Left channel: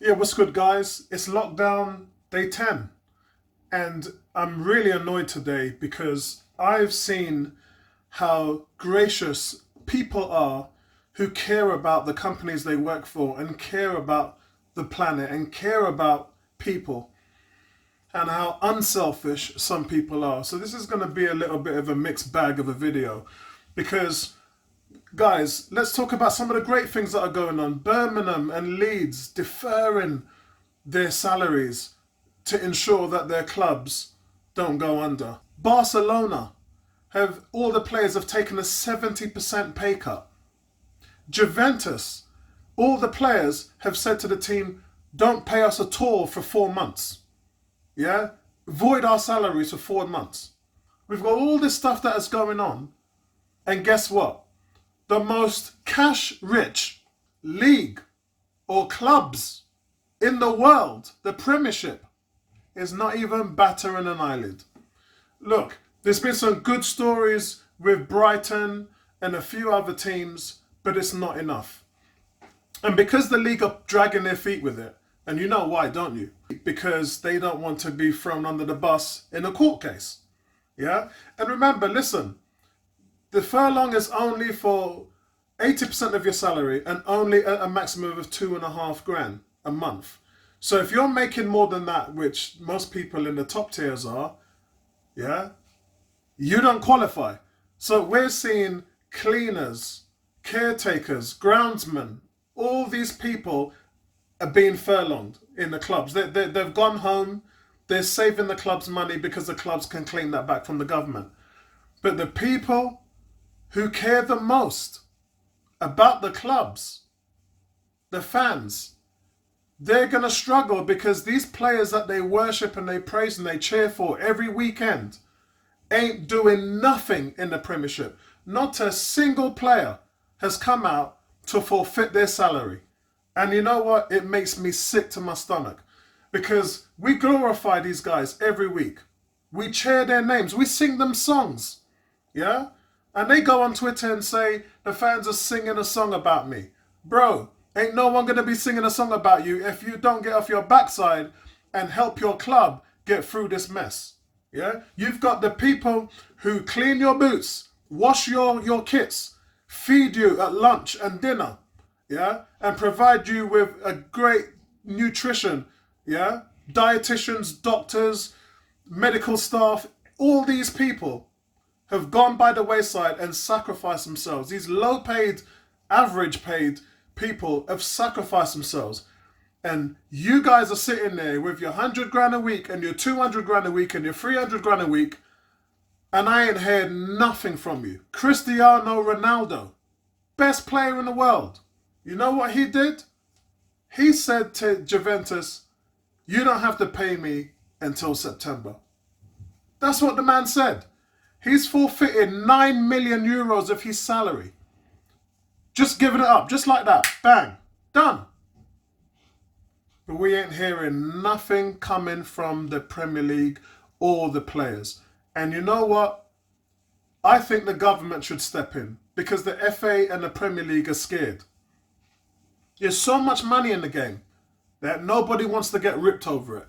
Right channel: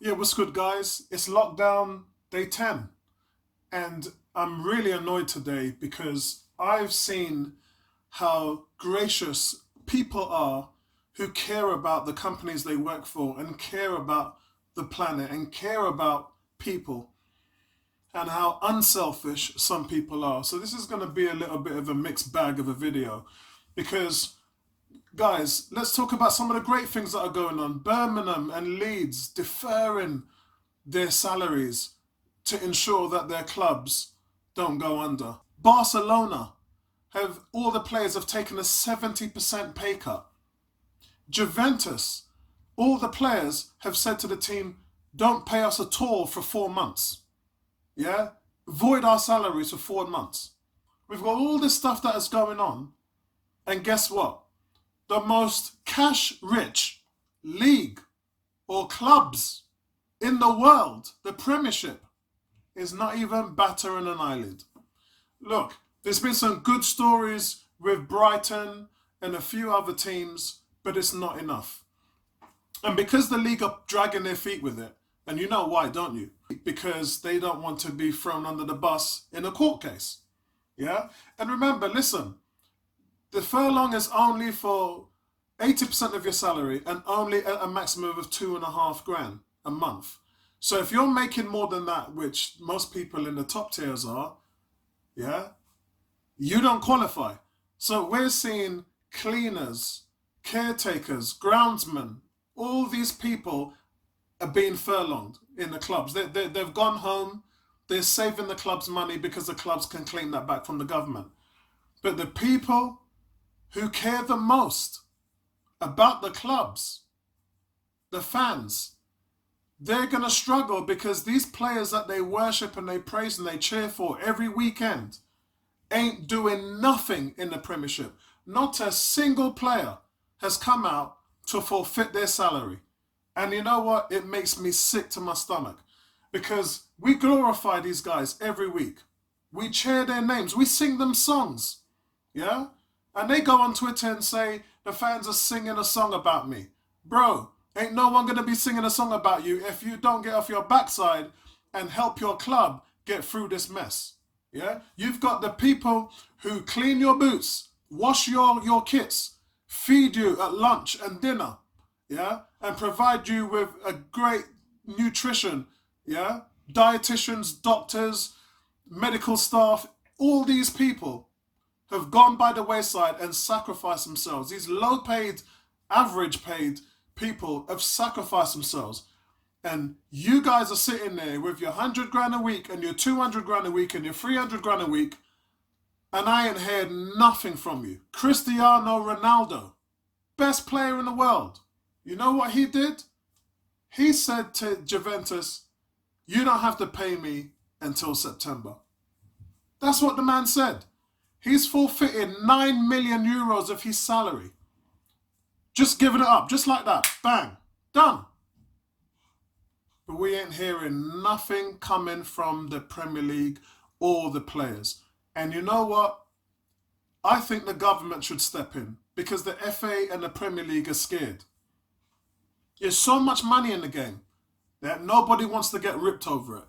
Yeah, what's good, guys? It's lockdown day 10, and I'm really annoyed today because I've seen how gracious people are who care about the companies they work for and care about the planet and care about people, and how unselfish some people are. So, this is going to be a little bit of a mixed bag of a video because guys, let's talk about some of the great things that are going on. Birmingham and Leeds deferring their salaries to ensure that their clubs don't go under. Barcelona have all the players have taken a 70% pay cut. Juventus, all the players have said to the team, don't pay us at all for 4 months. Yeah? Void our salaries for 4 months. We've got all this stuff that is going on. And guess what? The most cash rich league or clubs in the world, the Premiership, is not even battering an eyelid. Look, there's been some good stories with Brighton and a few other teams, but it's not enough. And because the league are dragging their feet with it, and you know why, don't you? Because they don't want to be thrown under the bus in a court case. Yeah? And remember, listen, the furlong is only for 80% of your salary and only a maximum of 2.5 grand a month. So if you're making more than that, which most people in the top tiers are, yeah, you don't qualify. So we're seeing cleaners, caretakers, groundsmen, all these people are being furlonged in the clubs. They've gone home, they're saving the club's money because the clubs can claim that back from the government. But the people who care the most about the clubs, the fans, they're going to struggle because these players that they worship and they praise and they cheer for every weekend ain't doing nothing in the Premiership. Not a single player has come out to forfeit their salary. And you know what? It makes me sick to my stomach because we glorify these guys every week. We cheer their names. We sing them songs. Yeah? And they go on Twitter and say, the fans are singing a song about me. Bro, ain't no one going to be singing a song about you if you don't get off your backside and help your club get through this mess. Yeah? You've got the people who clean your boots, wash your kits, feed you at lunch and dinner, yeah? And provide you with a great nutrition, yeah? Dietitians, doctors, medical staff, all these people have gone by the wayside and sacrificed themselves. These low paid, average paid people have sacrificed themselves. And you guys are sitting there with your 100 grand a week and your 200 grand a week and your 300 grand a week, and I ain't heard nothing from you. Cristiano Ronaldo, best player in the world. You know what he did? He said to Juventus, you don't have to pay me until September. That's what the man said. He's forfeited 9 million euros of his salary. Just giving it up, just like that. Bang. Done. But we ain't hearing nothing coming from the Premier League or the players. And you know what? I think the government should step in because the FA and the Premier League are scared. There's so much money in the game that nobody wants to get ripped over it.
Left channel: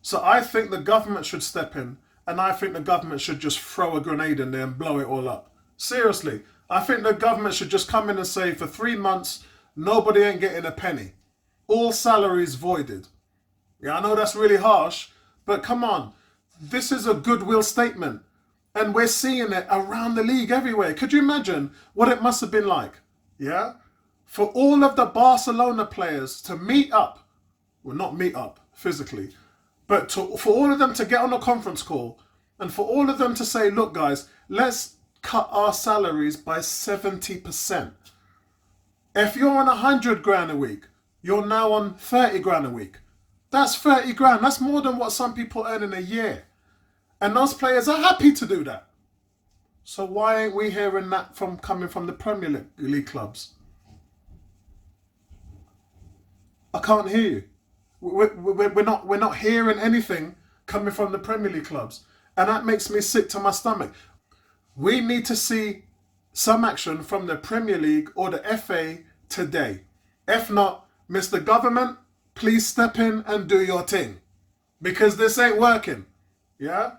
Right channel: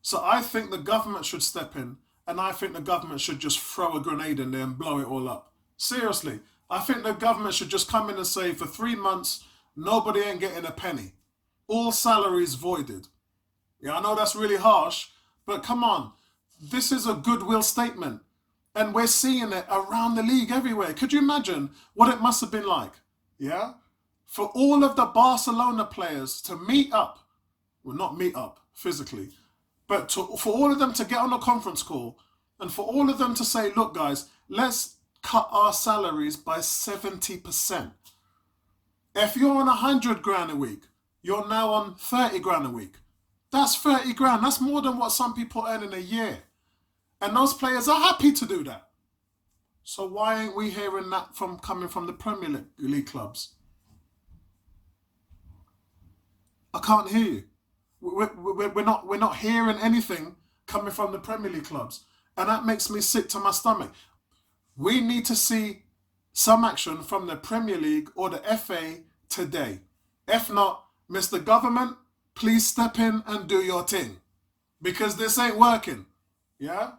So I think the government should step in, and I think the government should just throw a grenade in there and blow it all up. Seriously, I think the government should just come in and say for 3 months, nobody ain't getting a penny. All salaries voided. Yeah, I know that's really harsh, but come on. This is a goodwill statement. And we're seeing it around the league everywhere. Could you imagine what it must have been like? Yeah? For all of the Barcelona players to meet up, well, not meet up physically, but for all of them to get on a conference call and for all of them to say, look, guys, let's cut our salaries by 70%. If you're on 100 grand a week, you're now on 30 grand a week. That's 30 grand. That's more than what some people earn in a year. And those players are happy to do that. So why ain't we hearing that coming from the Premier League clubs? I can't hear you. We're not hearing anything coming from the Premier League clubs. And that makes me sick to my stomach. We need to see some action from the Premier League or the FA today. If not, Mr. Government, please step in and do your thing, because this ain't working. Yeah?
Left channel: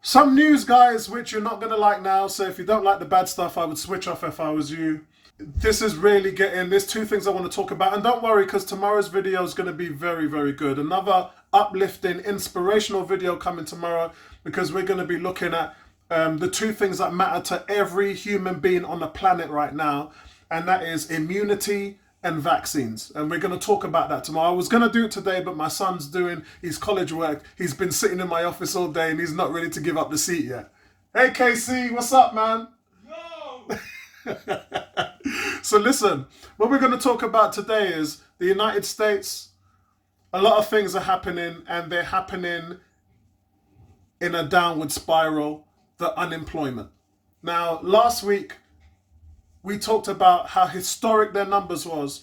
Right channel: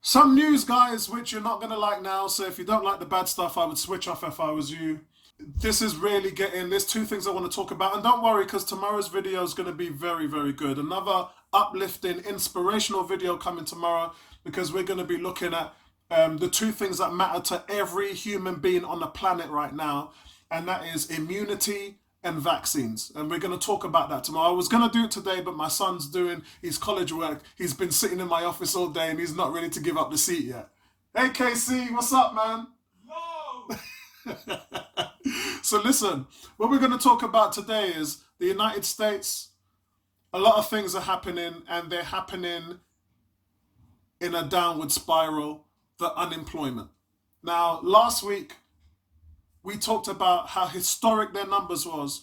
Some news, guys, which you're not going to like now. So if you don't like the bad stuff, I would switch off if I was you. This is really getting, there's two things I want to talk about. And don't worry, because tomorrow's video is going to be very, very good. Another uplifting, inspirational video coming tomorrow, because we're going to be looking at the two things that matter to every human being on the planet right now. And that is immunity and vaccines. And we're going to talk about that tomorrow. I was going to do it today, but my son's doing his college work. He's been sitting in my office all day and he's not ready to give up the seat yet. Hey, KC, what's up, man? Yo! So listen, what we're going to talk about today is the United States. A lot of things are happening, and they're happening in a downward spiral. The unemployment. Now, last week, we talked about how historic their numbers was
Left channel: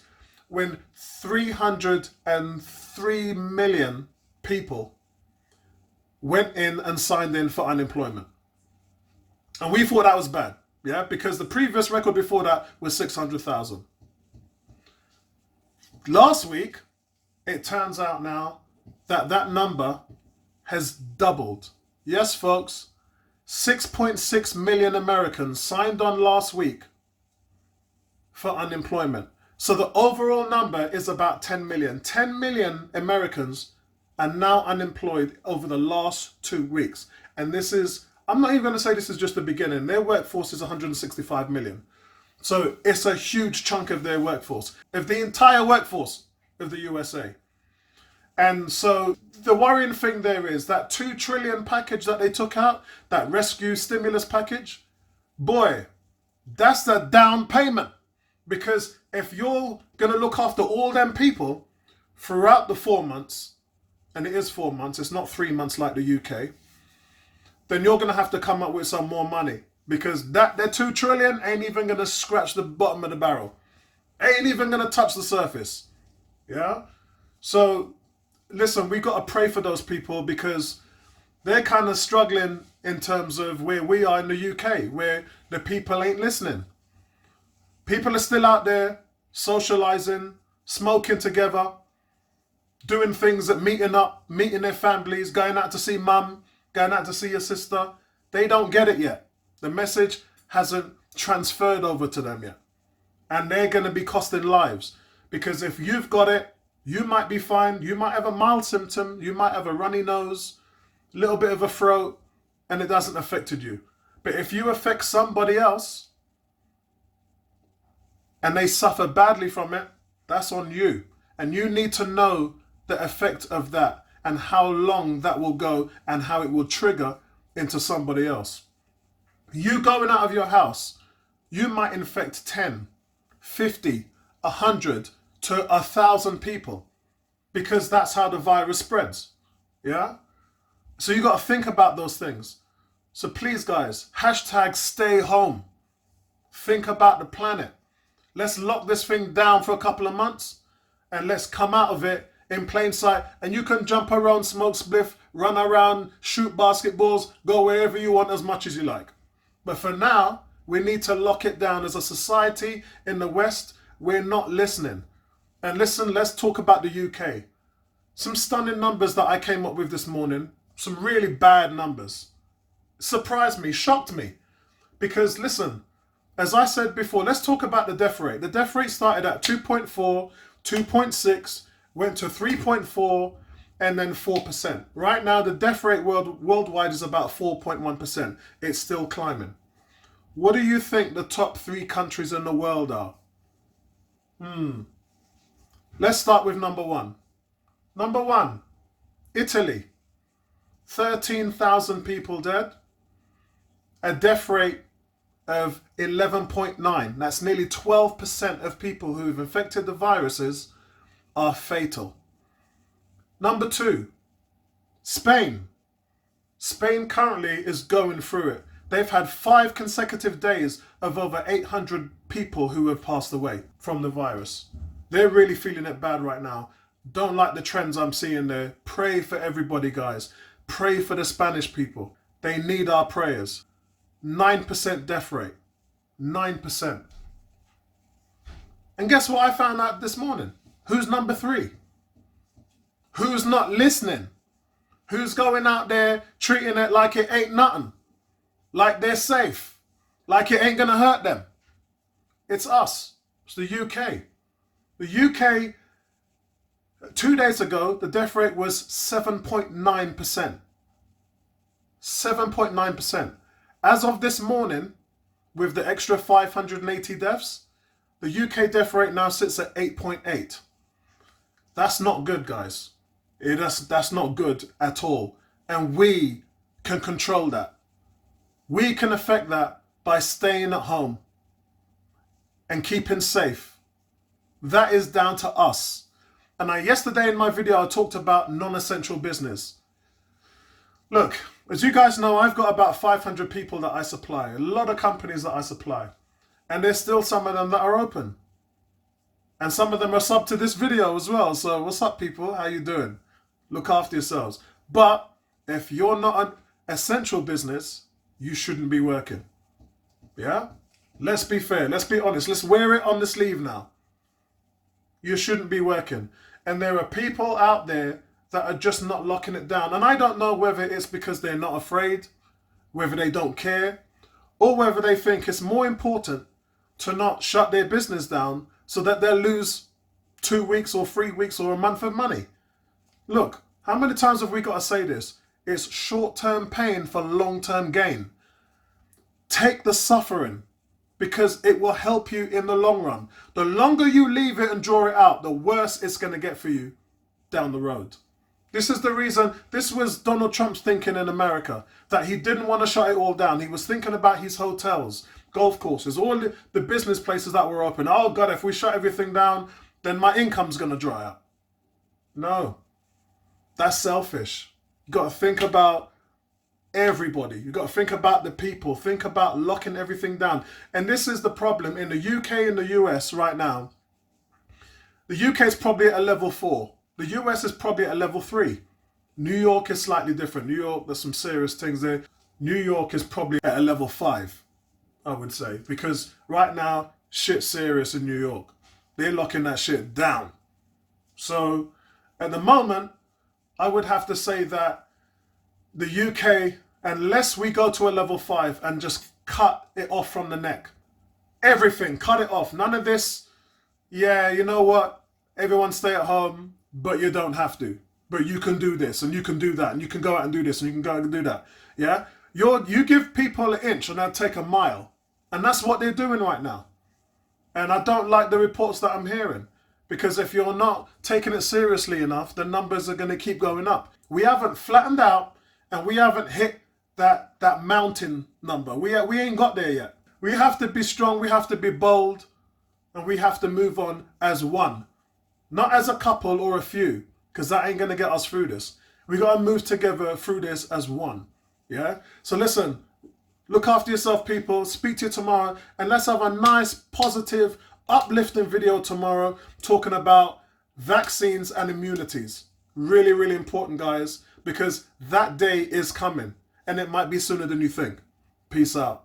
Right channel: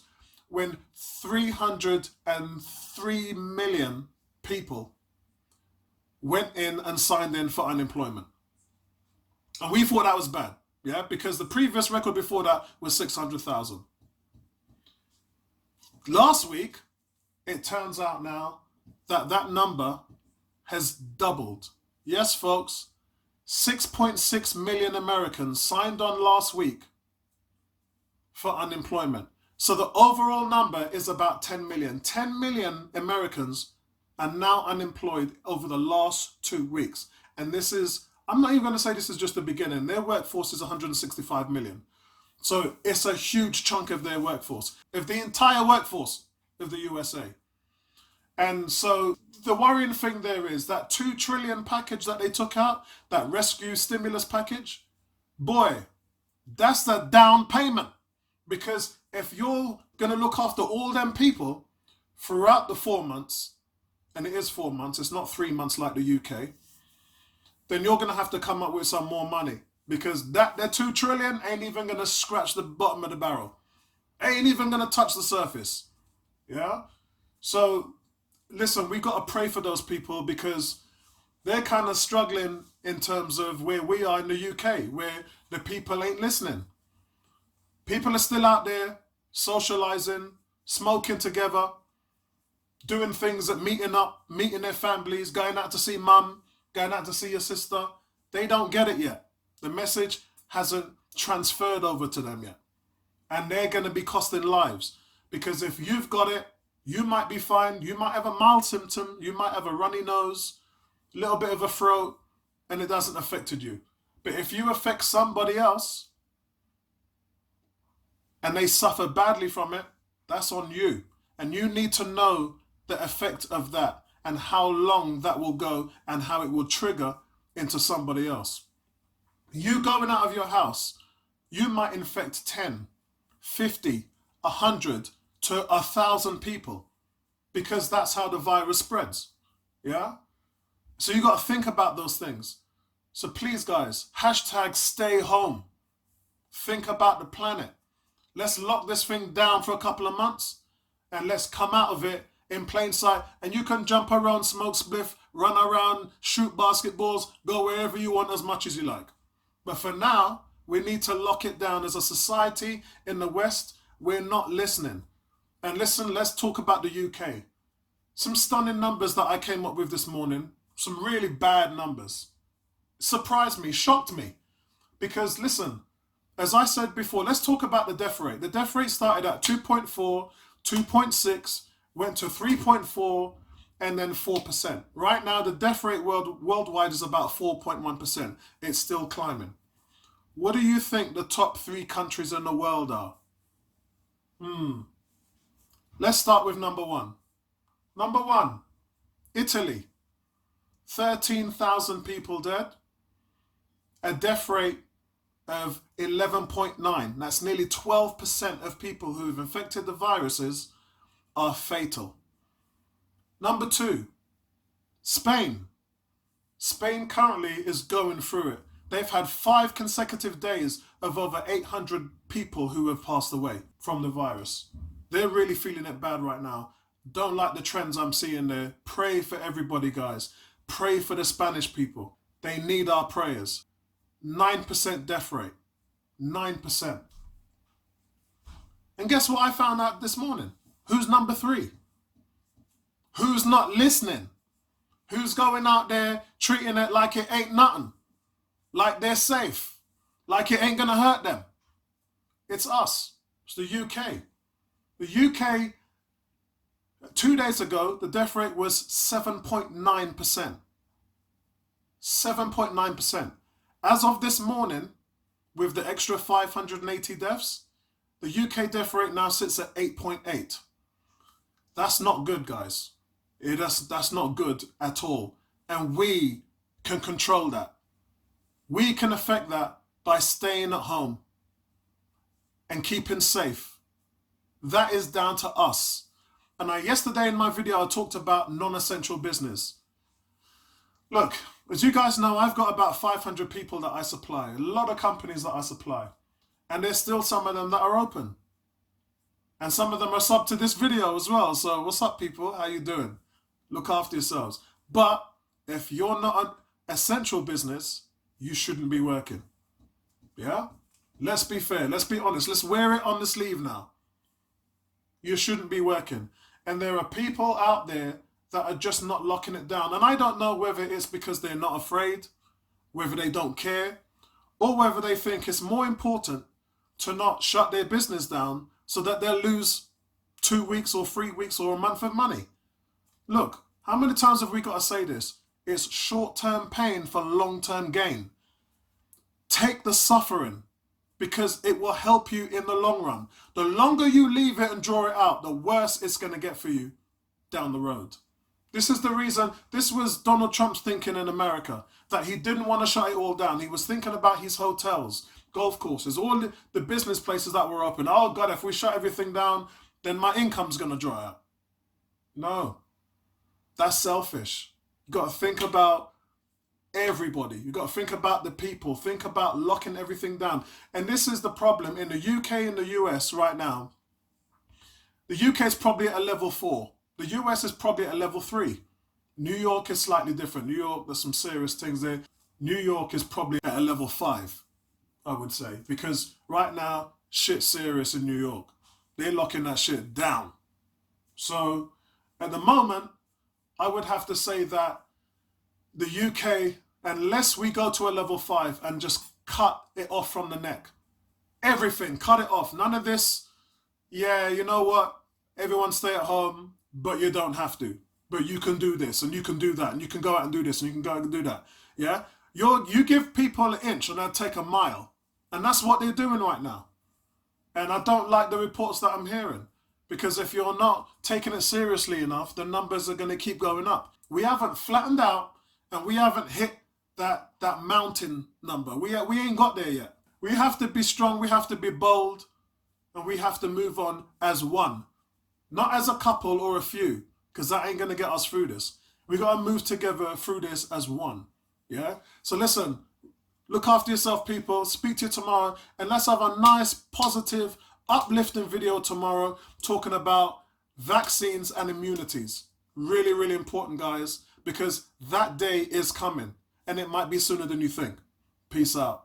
when 303 million people went in and signed in for unemployment. And we thought that was bad, yeah, because the previous record before that was 600,000. Last week, it turns out now that that number has doubled. Yes, folks, 6.6 million Americans signed on last week for unemployment. So the overall number is about 10 million. 10 million Americans are now unemployed over the last 2 weeks. And this is, I'm not even going to say this is just the beginning. Their workforce is 165 million. So it's a huge chunk of their workforce, of the entire workforce of the USA. And so the worrying thing there is that 2 trillion package that they took out, that rescue stimulus package, boy, that's the down payment. Because if you're going to look after all them people throughout the 4 months, and it is 4 months, it's not 3 months like the UK, then you're going to have to come up with some more money. Because that 2 trillion ain't even going to scratch the bottom of the barrel. Ain't even going to touch the surface. Yeah? So, listen, we got to pray for those people, because they're kind of struggling in terms of where we are in the UK, where the people ain't listening. People are still out there socializing, smoking together, doing things at meeting up, meeting their families, going out to see mum, going out to see your sister. They don't get it yet. The message hasn't transferred over to them yet. And they're going to be costing lives. Because if you've got it, you might be fine. You might have a mild symptom. You might have a runny nose, a little bit of a throat, and it hasn't affected you. But if you affect somebody else, and they suffer badly from it, that's on you. And you need to know the effect of that and how long that will go and how it will trigger into somebody else. You going out of your house, you might infect 10, 50, 100 to 1,000 people, because that's how the virus spreads. Yeah? So you got to think about those things. So please, guys, hashtag stay home. Think about the planet. Let's lock this thing down for a couple of months and let's come out of it in plain sight. And you can jump around, smoke spliff, run around, shoot basketballs, go wherever you want as much as you like. But for now, we need to lock it down. As a society in the West, we're not listening. And listen, let's talk about the UK. Some stunning numbers that I came up with this morning. Some really bad numbers. Surprised me, shocked me. Because listen, as I said before, let's talk about the death rate. The death rate started at 2.4, 2.6, went to 3.4, and then 4%. Right now, the death rate worldwide is about 4.1%. It's still climbing. What do you think the top 3 countries in the world are? Let's start with number 1. Number 1, Italy. 13,000 people dead. A death rate of 11.9. That's nearly 12% of people who have infected the viruses are fatal. Number 2, Spain. Spain currently is going through it. They've had 5 consecutive days of over 800 people who have passed away from the virus. They're really feeling it bad right now. Don't like the trends I'm seeing there. Pray for everybody, guys. Pray for the Spanish people. They need our prayers. 9% death rate. 9%. And guess what I found out this morning? Who's number 3? Who's not listening? Who's going out there treating it like it ain't nothing? Like they're safe? Like it ain't gonna hurt them? It's us. It's the UK. The UK, 2 days ago, the death rate was 7.9%. 7.9%. As of this morning, with the extra 580 deaths, the UK death rate now sits at 8.8. That's not good, guys. That's not good at all. And we can control that. We can affect that by staying at home and keeping safe. That is down to us. And yesterday in my video, I talked about non-essential business. Look, as you guys know, I've got about 500 people that I supply, a lot of companies that I supply. And there's still some of them that are open. And some of them are sub to this video as well. So what's up, people? How you doing? Look after yourselves. But if you're not an essential business, you shouldn't be working. Yeah? Let's be fair. Let's be honest. Let's wear it on the sleeve now. You shouldn't be working. And there are people out there that are just not locking it down. And I don't know whether it's because they're not afraid, whether they don't care, or whether they think it's more important to not shut their business down so that they'll lose 2 weeks or 3 weeks or a month of money. Look, how many times have we got to say this? It's short-term pain for long-term gain. Take the suffering, because it will help you in the long run. The longer you leave it and draw it out, the worse it's going to get for you down the road. This is the reason, this was Donald Trump's thinking in America, that he didn't want to shut it all down. He was thinking about his hotels, golf courses, all the business places that were open. Oh God, if we shut everything down, then my income's going to dry up. No, that's selfish. You've got to think about everybody. You've got to think about the people. Think about locking everything down. And this is the problem in the UK and the US right now. The UK is probably at a level 4. The US is probably at a level 3. New York is slightly different. New York, there's some serious things there. New York is probably at a level 5, I would say. Because right now, shit's serious in New York. They're locking that shit down. So, at the moment, I would have to say that the UK, unless we go to a level 5 and just cut it off from the neck. Everything, cut it off. None of this, yeah, you know what? Everyone stay at home, but you don't have to. But you can do this and you can do that and you can go out and do this and you can go out and do that. Yeah? You give people an inch and they'll take a mile. And that's what they're doing right now. And I don't like the reports that I'm hearing. Because if you're not taking it seriously enough, the numbers are going to keep going up. We haven't flattened out and we haven't hit that mountain number. We ain't got there yet. We have to be strong, we have to be bold, and we have to move on as one. Not as a couple or a few, because that ain't going to get us through this. We got to move together through this as one. Yeah? So listen, look after yourself, people. Speak to you tomorrow. And let's have a nice, positive, uplifting video tomorrow talking about vaccines and immunities. Really, really important, guys, because that day is coming. And it might be sooner than you think. Peace out.